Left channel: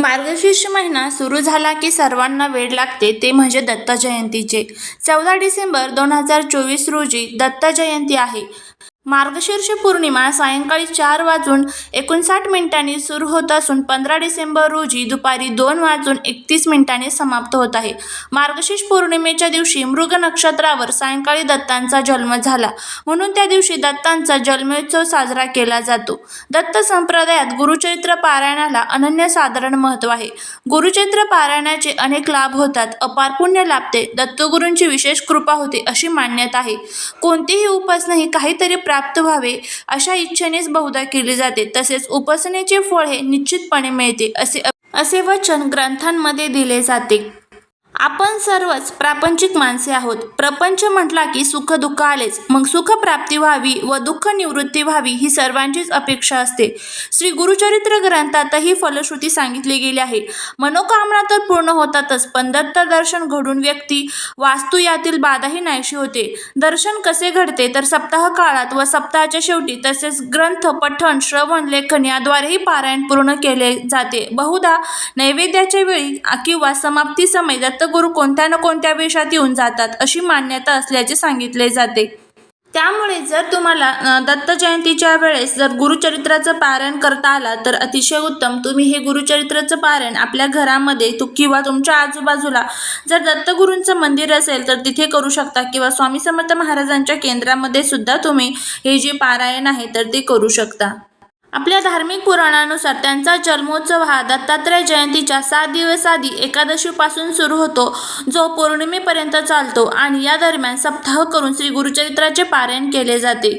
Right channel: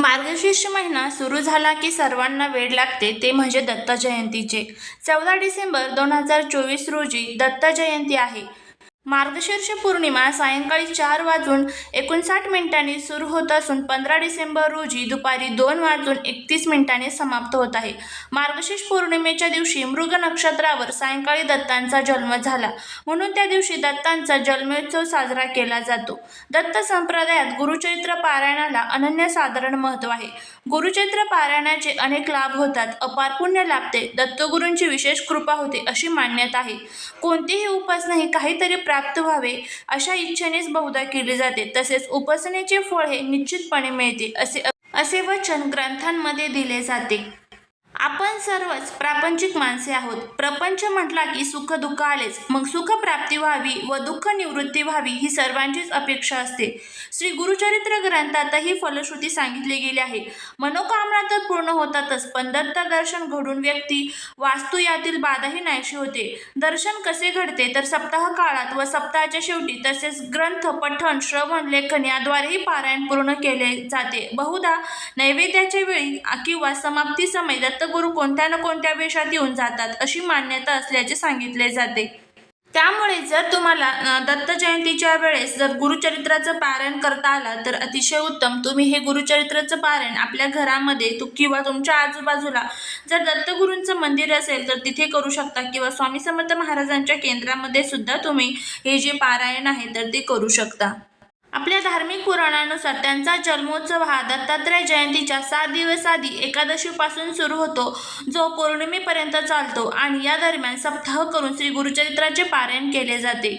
मार्गशीर्ष महिना सुरू झाला की सर्वांना वेळ लागते ते म्हणजे दत्त जयंतीचे. चौदा डिसेंबर दोन हजार चोवीस रोजी दत्त जयंती आहे. मार्गशीर्ष पौर्णिमा सायंकाळी चार वाजून एकोणसाठ मिनिटांनी सुरू होत असून पंधरा डिसेंबर रोजी दुपारी दोन वाजून एकतीस मिनिटांनी समाप्त होत आहे. मार्गशीर्ष पौर्णिमेच्या दिवशी मृग नक्षत्रावर सायंकाळी दत्तांचा जन्म झाला. म्हणून त्या दिवशी दत्तांचा जन्मोत्सव साजरा केला जातो. दत्त संप्रदायात गुरुचैत्र पारायणाला अनन्यसाधारण महत्त्व आहे. गुरुचैत्र पारायणाचे अनेक लाभ होतात. अपार पुण्य लाभते. दत्तगुरूंची विशेष कृपा होते अशी मान्यता आहे. कोणतीही उपासना ही काहीतरी प्राप्त व्हावे अशा इच्छेनेच बहुधा केली जाते. तसेच उपासनेचे फळ हे निश्चितपणे मिळते असे असे वचन ग्रंथांमध्ये दिले जाते. आपण सर्वच प्रापंचिक माणसे आहोत. प्रपंच म्हटला की सुख दुःख आलेच. मग सुख प्राप्ती व्हावी व दुःख निवृत्ती व्हावी ही सर्वांचीच अपेक्षा असते. श्री गुरुचरित्र ग्रंथातही फलश्रुती सांगितली गेली आहे. मनोकामना तर पूर्ण होतातच पण दत्त दर्शन घडून व्यक्ती वास्तू यातील बाधाही नाहीशी होते. दर्शन कसे घडते तर सप्ताह काळात व सप्ताहाच्या शेवटी तसेच ग्रंथ पठण श्रवण लेखन याद्वारेही पारायण पूर्ण केले जाते. बहुधा नैवेद्याच्या वेळी किंवा समाप्ती समय दत्तगुरू कोणत्या ना कोणत्या वेशात येऊन जातात अशी मान्यता असल्याचे सांगितले जाते. त्यामुळे जर तुम्हाला दत्त जयंतीच्या वेळेस जर गुरुचरित्राचं पारायण करता आला तर अतिशय उत्तम. तुम्ही हे गुरुचरित्राचं पारायण आपल्या घरामध्ये तू किंवा तुमच्या आजूबाजूला जर दत्तगुरूंचं मंदिर असेल तर तिथे करू शकता किंवा स्वामी समर्थ महाराजांच्या केंद्रामध्ये सुद्धा तुम्ही हे जे पारायण आहे तर ते करू शकता. आपल्या धार्मिक पुराणानुसार त्यांचा जन्मोत्सव हा दत्तात्रय जयंतीच्या सात दिवस आधी एकादशीपासून सुरू होतो जो पौर्णिमेपर्यंत चालतो आणि या दरम्यान सप्ताह करून श्री गुरुचरित्राचे पारायण केले जाते.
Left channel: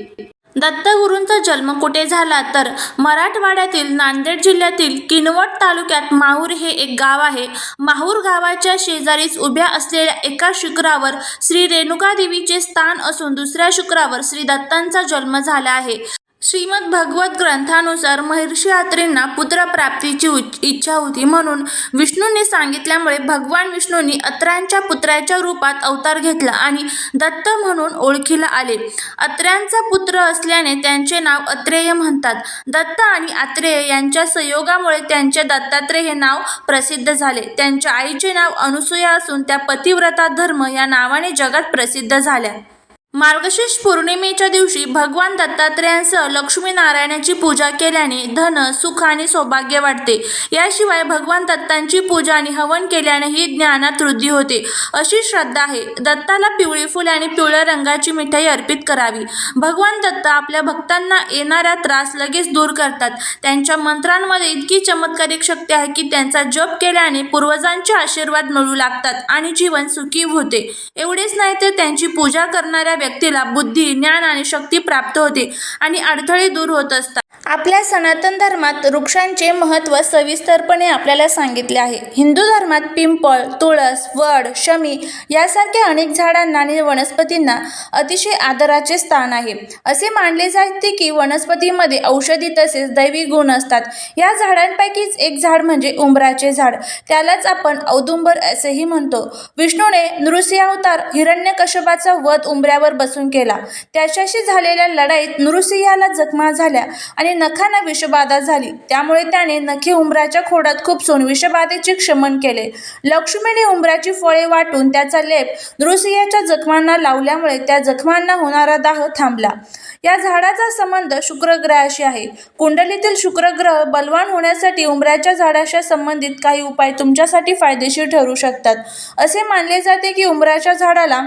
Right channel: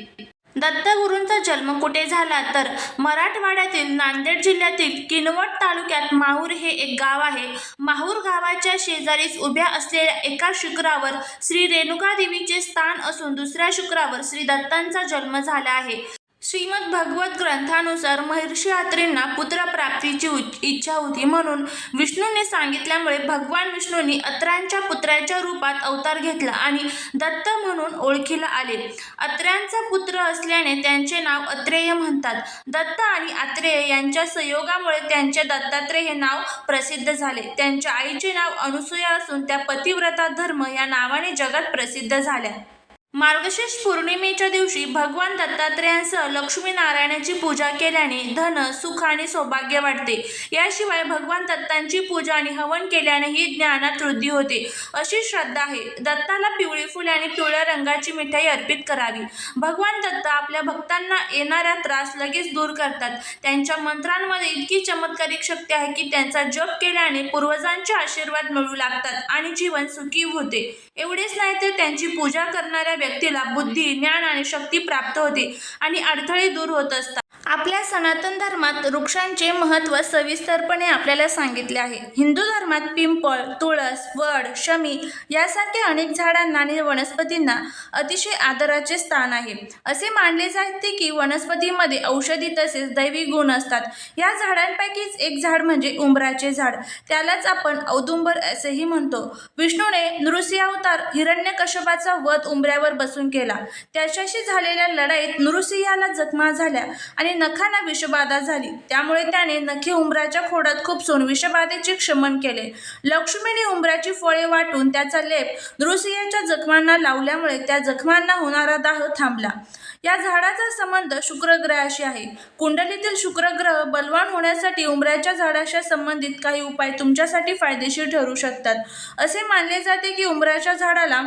दत्तगुरूंचा जन्म कुठे झाला तर मराठवाड्यातील नांदेड जिल्ह्यातील किनवट तालुक्यात माहूर हे एक गाव आहे. माहूर गावाच्या शेजारीच उभ्या असलेल्या एका शुक्रावर श्री रेणुका देवीचे स्थान असून दुसऱ्या शुक्रावर श्री दत्तांचा जन्म झाला आहे. श्रीमद भगवत ग्रंथानुसार महर्षी यात्रींना पुत्रप्राप्तीची इच्छा होती म्हणून विष्णूंनी सांगितल्यामुळे भगवान विष्णूंनी अत्र्यांच्या पुत्राच्या रूपात अवतार घेतला आणि दत्त म्हणून ओळखीला आले. अत्र्यांचा पुत्र असल्याने त्यांचे नाव अत्रेय म्हणतात. दत्त आणि आत्रेय यांच्या संयोगामुळे त्यांचे दत्तात्रेय हे नाव प्रसिद्ध झाले. त्यांच्या आईचे नाव अनुसूया असून त्या पतिव्रता धर्म या नावाने जगात प्रसिद्ध झाल्या. मार्गशीर्ष पौर्णिमेच्या दिवशी भगवान दत्तात्रेयांसह लक्ष्मीनारायणाची पूजा केल्याने धन सुख आणि सौभाग्य वाटते. याशिवाय भगवान दत्तांची पूजा आणि हवन केल्यानेही ज्ञानात वृद्धी होते. अशी श्रद्धा आहे. दत्ताला पिवळी फुले आणि पिवळ्या रंगाची मिठाई अर्पित करावी. भगवान दत्त आपल्या भक्तांना येणारा त्रास लगेच दूर करतात. त्यांच्या मंत्रांमध्ये इतकी चमत्कारिक शक्ती आहे की त्यांचा जप केल्याने पूर्वजांचे आशीर्वाद मिळू लागतात आणि जीवन सुखी होते. एवढेच नाही तर त्यांची पूजा करणाऱ्या व्यक्तीला बुद्धी ज्ञान आणि शक्ती प्राप्त होते आणि अडथळे दूर होत असतात. आपल्या सनातन धर्मात वृक्षांचे महत्त्व सविस्तरपणे आपल्याला सांगितले आहे. हिंदू धर्मात पिंपळ तुळस वड शमी यासारख्या अनेक झाडांना आणि वनस्पतींना अतिशय आदराचे स्थान आहे. असे मानले जाते की वनस्पतीमध्ये औषधी तसेच दैवी गुण असतात. या झाडांपैकीच एक झाड म्हणजे उंबराचे झाड. त्यालाच आपण औदुंबर असेही म्हणतो. विष्णूने नृसिंह अवतार हिरण्यकश्यपाचा वध उंबऱ्यावर बसून केला. त्याच्याशी झालेल्या लढाईत नृसिंहाला जखमा झाल्या आणि नखांना विषबाधा झाली. त्यामुळे त्याने नखे उंबराच्या खोडात खुपसून विषबाधेचे क्षमन केले. लक्ष्मीने उंबराची फळे वाटून त्याचा लेप दृसियाच्या जखमांना लावल्यामुळे त्या जखमांना होणारा दाह थांबला. या झाडाचा संबंध शुक्रग्रहाशी आहे. कुंडलीतील शुक्रग्रह बलवान होण्यासाठी उंबराच्या झाडाशी संबंधित काही उपाय तुमच्यासाठी फायदेशीर ठरू शकतात. असे मानले जाते की उंबराच्या झाडाला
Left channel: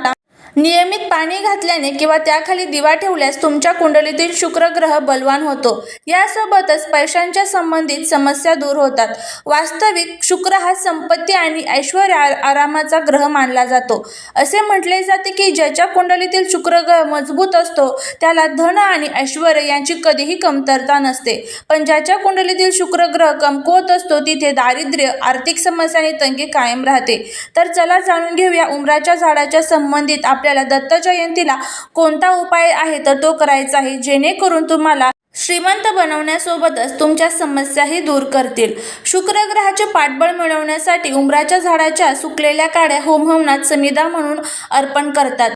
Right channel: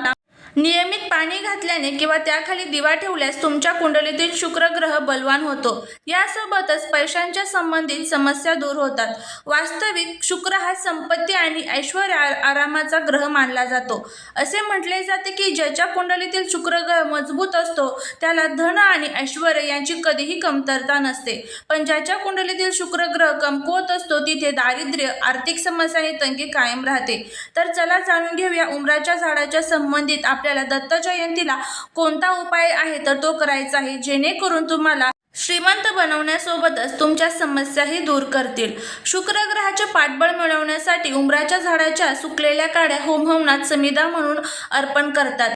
नियमित पाणी घातल्याने किंवा त्याखाली दिवा ठेवल्यास तुमच्या कुंडलीतील शुक्र ग्रह बलवान होतो. यासोबतच पैशांच्या संबंधित समस्या दूर होतात. वास्तविक शुक्र हा संपत्ती आणि ऐश्वर आरामाचा ग्रह मानला जातो. असे म्हटले जाते की ज्याच्या कुंडलीतील शुक्र ग्रह मजबूत असतो त्याला धन आणि ऐश्वर यांची कधीही कमतरता नसते. पण ज्याच्या कुंडलीतील शुक्र ग्रह कमकुवत असतो तिथे दारिद्र्य आर्थिक समस्या आणि तंगी कायम राहते. तर चला जाणून घेऊया उमराच्या झाडाच्या संबंधित आपल्याला दत्त जयंतीला कोणता उपाय आहे तर तो करायचा आहे. जेणेकरून तुम्हाला श्रीमंत बनवण्यासोबतच तुमच्या समस्याही दूर करतील. शुक्र ग्रहाचे पाठबळ मिळवण्यासाठी उंबराच्या झाडाच्या सुकलेल्या काड्या होमहवनात समिदा म्हणून अर्पण करतात.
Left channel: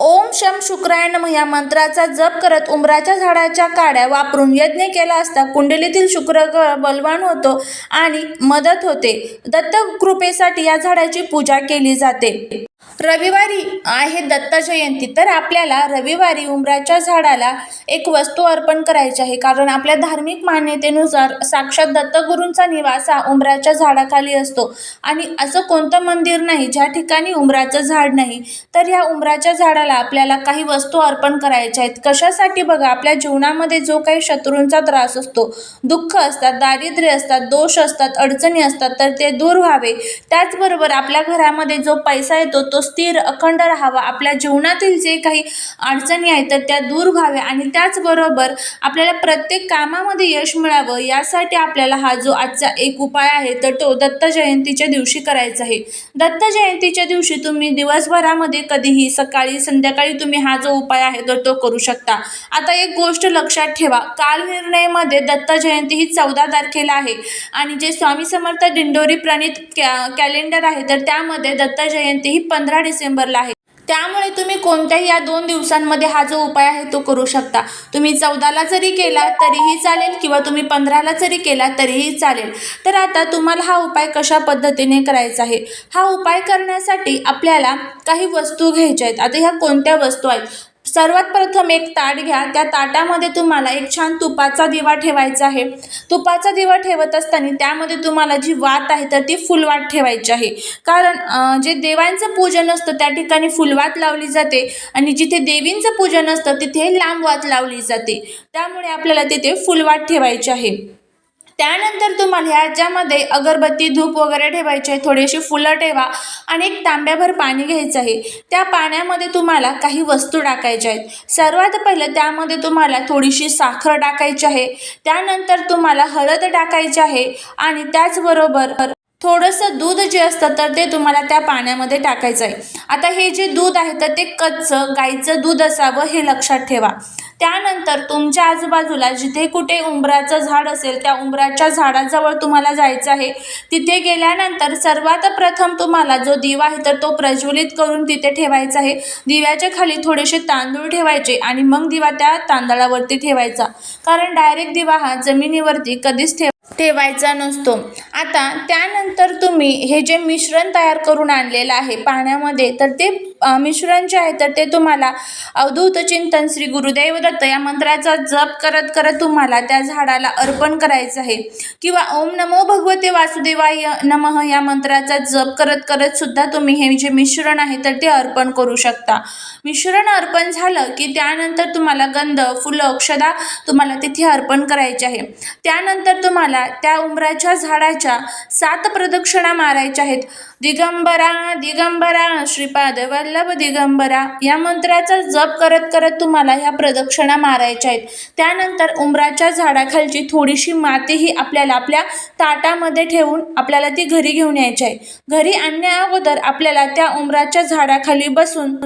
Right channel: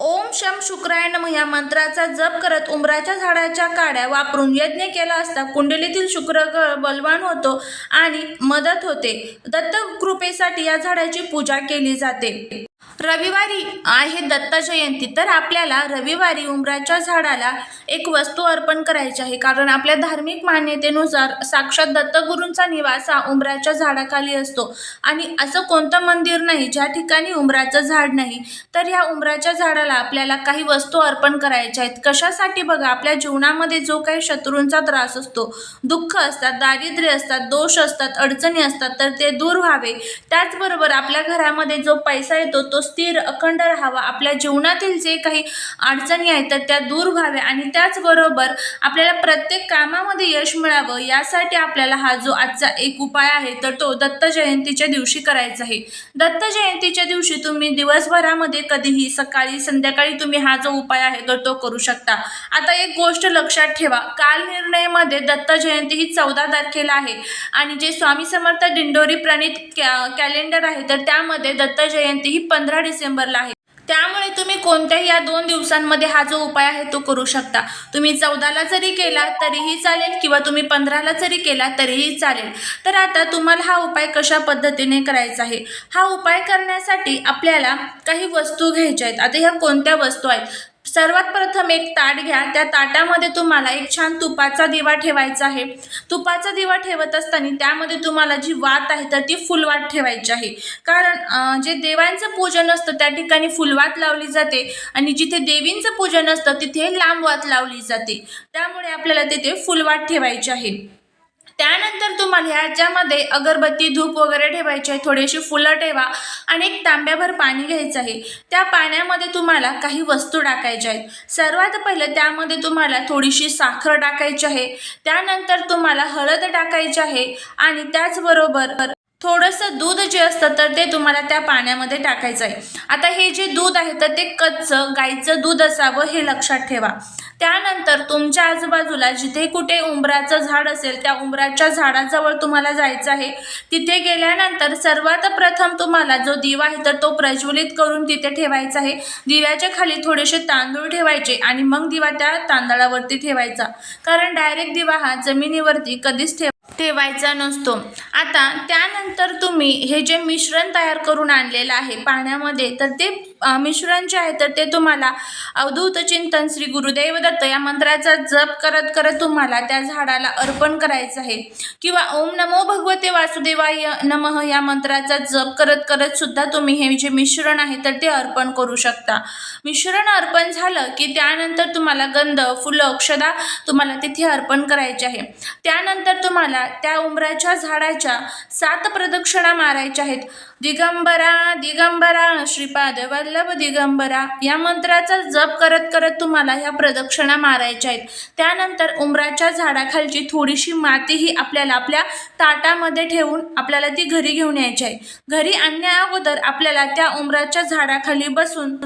ओम शम शुक्राय या मंत्राचा जप करत उंबराच्या झाडाच्या काड्या वापरून यज्ञ केला असता कुंडलीतील शुक्र ग्रह बलवान होतो आणि मदत होते. दत्त कृपेसाठी या झाडाची पूजा केली जाते. रविवारी आहे दत्त जयंती तर आपल्याला रविवारी उंबराच्या झाडाला एक वस्तू अर्पण करायची आहे. कारण आपल्या धार्मिक मान्यतेनुसार साक्षात दत्तगुरूंचा निवास हा उंबराच्या झाडाखाली असतो. आणि असं कोणतं मंदिर नाही ज्या ठिकाणी उंबराचं झाड नाही तर या उंबराच्या झाडाला आपल्याला काही वस्तू अर्पण करायच्या आहेत. कशासाठी? बघा आपल्या जीवनामध्ये जो काही शत्रूंचा त्रास असतो दुःख असतात दारिद्र्य असतात दोष असतात अडचणी असतात तर ते दूर व्हावे. त्याचबरोबर आपल्या घरामध्ये जो पैसा येतो तो तो स्थिर अखंड राहावा. आपल्या जीवनातील जे काही अडचणी आहेत तर त्या दूर व्हाव्या. आणि त्याचबरोबर आपल्याला प्रत्येक कामामध्ये यश मिळावं यासाठी आपल्याला हा जो आजचा एक उपाय आहे तर तो दत्त जयंतीच्या दिवशी करायचा आहे. दत्त जयंतीच्या दिवशी तुम्ही दिवसभरामध्ये कधीही सकाळी संध्याकाळी तुम्ही हा जो उपाय आहे तर तो करू शकता. आता एक गोष्ट लक्षात ठेवा. काल निर्णयमध्ये दत्त जयंती ही चौदा तारखेला आहे. आणि जे स्वामी समर्थ दिंडोरी प्रणित कॅ कॅलेंडर आहे तर त्यामध्ये दत्त जयंती ही पंधरा पंधरा डिसेंबरला आहे. त्यामुळे तुम्ही कोणत्याही या दोन दिवसांमध्ये हा जो उपाय आहे तो करू शकता. तुम्ही चौदाला जरी केला तरीही चालेल किंवा तुम्ही पंधराला जरी केला तरीही चालेल. तर आता तुम्हाला हा उपाय कशा पद्धतीने करायचा आहे? हा उपाय करण्यासाठी आपल्याला काही वस्तू घ्यायच्या आहेत. आता ह्या कोणत्या वस्तू आहेत? सर्वात प्रथम एक ताट घ्या. त्या ताटामध्ये तुम्हाला एक छान तुपाचा दिवा ठेवायचा आहे. तुपाचा दिवा ठेवत असताना त्यामध्ये तुम्हाला जी वात आहे तर ती फुलवात ठेवायची आहे. कारण जे देवांचं पूजन असतं त्या ठिकाणी फुलवात लावली जाते आणि जिथे देवींचं पूजन असतं तिथे लांब वात लावली जाते. त्यामुळे आपल्याला तिथे फुलवात ठेवायची आहे. त्यानंतर तुम्हाला ह्याच्यामध्ये अगरबत्ती धूप वगैरे ठेवायचे आहे थोडीशी फुलं ठेवा आणि एक तांब्याभर पाणी घ्यायचं आहे. त्या पाण्यामध्ये तुम्हाला काही वस्तू टाकायच्या आहेत. सर्वात पहिलं त्यामध्ये तुम्हाला थोडीशी साखर टाकायची आहे. त्यानंतर तुम्हाला हळद टाकायची आहे आणि त्याचबरोबर थोडंसं दूध जे असतं तर ते तुम्हाला त्या पाण्यामध्ये टाकायचं आहे. आता हे जे दूध आहे तर ते कच्चं गाईचं दूध असावं हे लक्षात ठेवा. त्यानंतर तुमच्या आजूबाजूला जिथे कुठे उंबराचं झाड असेल त्या उंबराच्या झाडाजवळ तुम्हाला जायचं आहे. तिथे गेल्यानंतर सर्वात प्रथम तुम्हाला जो दिवा आहे तर तो प्रज्वलित करून तिथे ठेवायचा आहे. दिव्याच्या खाली थोडेसे तांदूळ ठेवायचे आणि मग दिवा त्या तांदळावरती ठेवायचा. कारण डायरेक्ट दिवा हा जमिनीवरती कधीच ठेवा ठेवायचा नसतो. आता त्यानंतर तुम्ही हे जे मिश्रण तयार करून आणलेलं आहे पाण्यामध्ये तर ते मिश्रण जे आहे तर ते तुम्हाला अवधूत चिंतन श्री गुरुदेव दत्त या मंत्राचा जप करत करत तुम्हाला त्या झाडाला अर्पण करायचं आहे. किंवा ओम नमो भगवते वासुदेवाय नमः या मंत्राचा जप करत करत सुद्धा तुम्ही हे जे मिश्रण आहे तर ते अर्पण करू शकता. मिश्रण अर्पण झालं की त्यानंतर तुम्हाला गंध फुलं अक्षदा तुम्हाला तिथे अर्पण करायचे आहे. त्यानंतर तुम्हाला त्या उंबराच्या झाडाच्या सात प्रदक्षिणा मारायच्या आहेत. दिगंबरा दिगंबरा श्रीपाद वल्लभ दिगंबरा या मंत्राचा जप करत करत तुम्हाला ह्या प्रदक्षिणा मारायच्या आहेत. त्यानंतर उंबराच्या झाडाखालची थोडीशी मातीही आपल्याला आपल्या ताटामध्ये ठेवून आपल्याला ती घरी घेऊन यायची आहे. घरी आणण्या अगोदर आपल्याला त्या उंबराच्या झाडाखाली बसून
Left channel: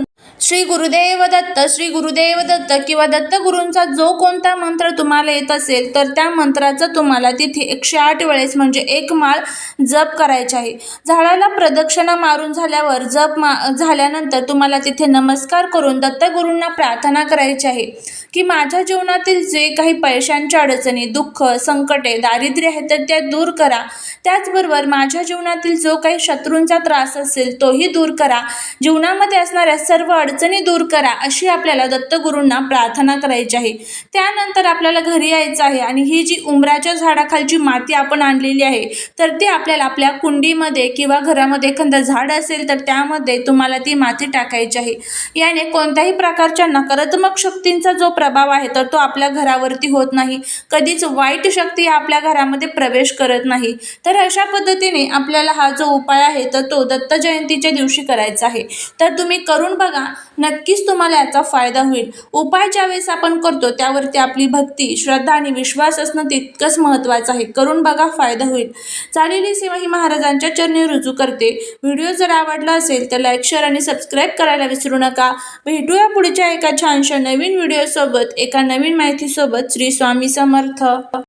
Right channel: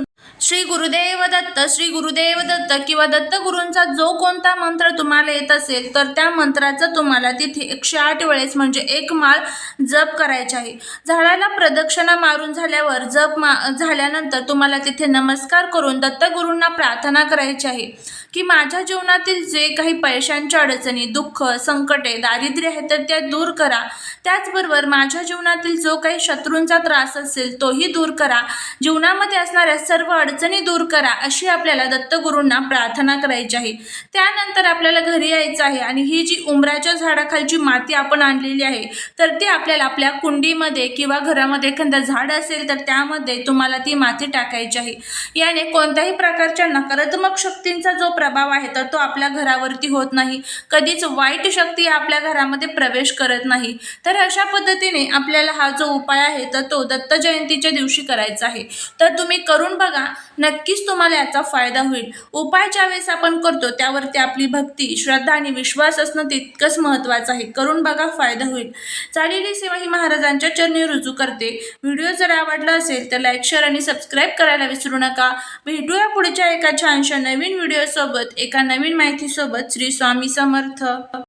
श्री गुरुदेव दत्त श्री गुरुदेव दत्त किंवा दत्तगुरूंचा जो कोणता मंत्र तुम्हाला येत असेल तर त्या मंत्राचा तुम्हाला तिथे एकशे आठ वेळेस म्हणजे एक माळ जप करायची आहे. झाडाला प्रदक्षिणा मारून झाल्यावर जप मा झाल्यानंतर तुम्हाला तिथे नमस्कार करून दत्तगुरूंना प्रार्थना करायची आहे. की माझ्या जीवनातील जे काही पैशांच्या अडचणी दुःख संकटे दारिद्र्य आहे तर त्या दूर करा. त्याचबरोबर माझ्या जीवनातील जो काही शत्रूंचा त्रास असेल तोही दूर करा. जीवनामध्ये असणाऱ्या सर्व अडचणी दूर करा अशी आपल्याला दत्तगुरूंना प्रार्थना करायची आहे. त्यानंतर आपल्याला घरी यायचं आहे आणि ही जी उंबराच्या झाडाखालची माती आपण आणलेली आहे तर ती आपल्याला आपल्या कुंडीमध्ये किंवा घरामध्ये एखादं झाड असेल तर त्यामध्ये तुम्हाला ती माती टाकायची आहे. याने कोणत्याही प्रकारच्या नकारात्मक शक्तींचा जो प्रभाव आहे तर तो आपल्या घरावरती होत नाही. कधीच वाईट शक्ती आपल्या घरामध्ये प्रवेश करत नाही. तर अशा पद्धतीने आपल्याला हा जो उपाय आहे तर तो दत्त जयंतीच्या दिवशी करायचा आहे. तर तुम्ही करून बघा नक्कीच तुम्हाला याचा फायदा होईल. उपाय ज्यावेळेस आपण करतो त्यावरती आपली भक्ती श्रद्धा आणि विश्वास असणं तितकंच महत्त्वाचं आहे. करून बघा फायदा होईल. चालेली सेवा ही महाराजांच्या चरणी रुजू करते. व्हिडिओ जर आवडला असेल तर लाईक शेअर आणि सबस्क्राईब करायला विसरू नका. भेटूया पुढच्या एका छानशा नवीन व्हिडिओसोबत. एका नवीन माहितीसोबत श्री स्वामी समर्थ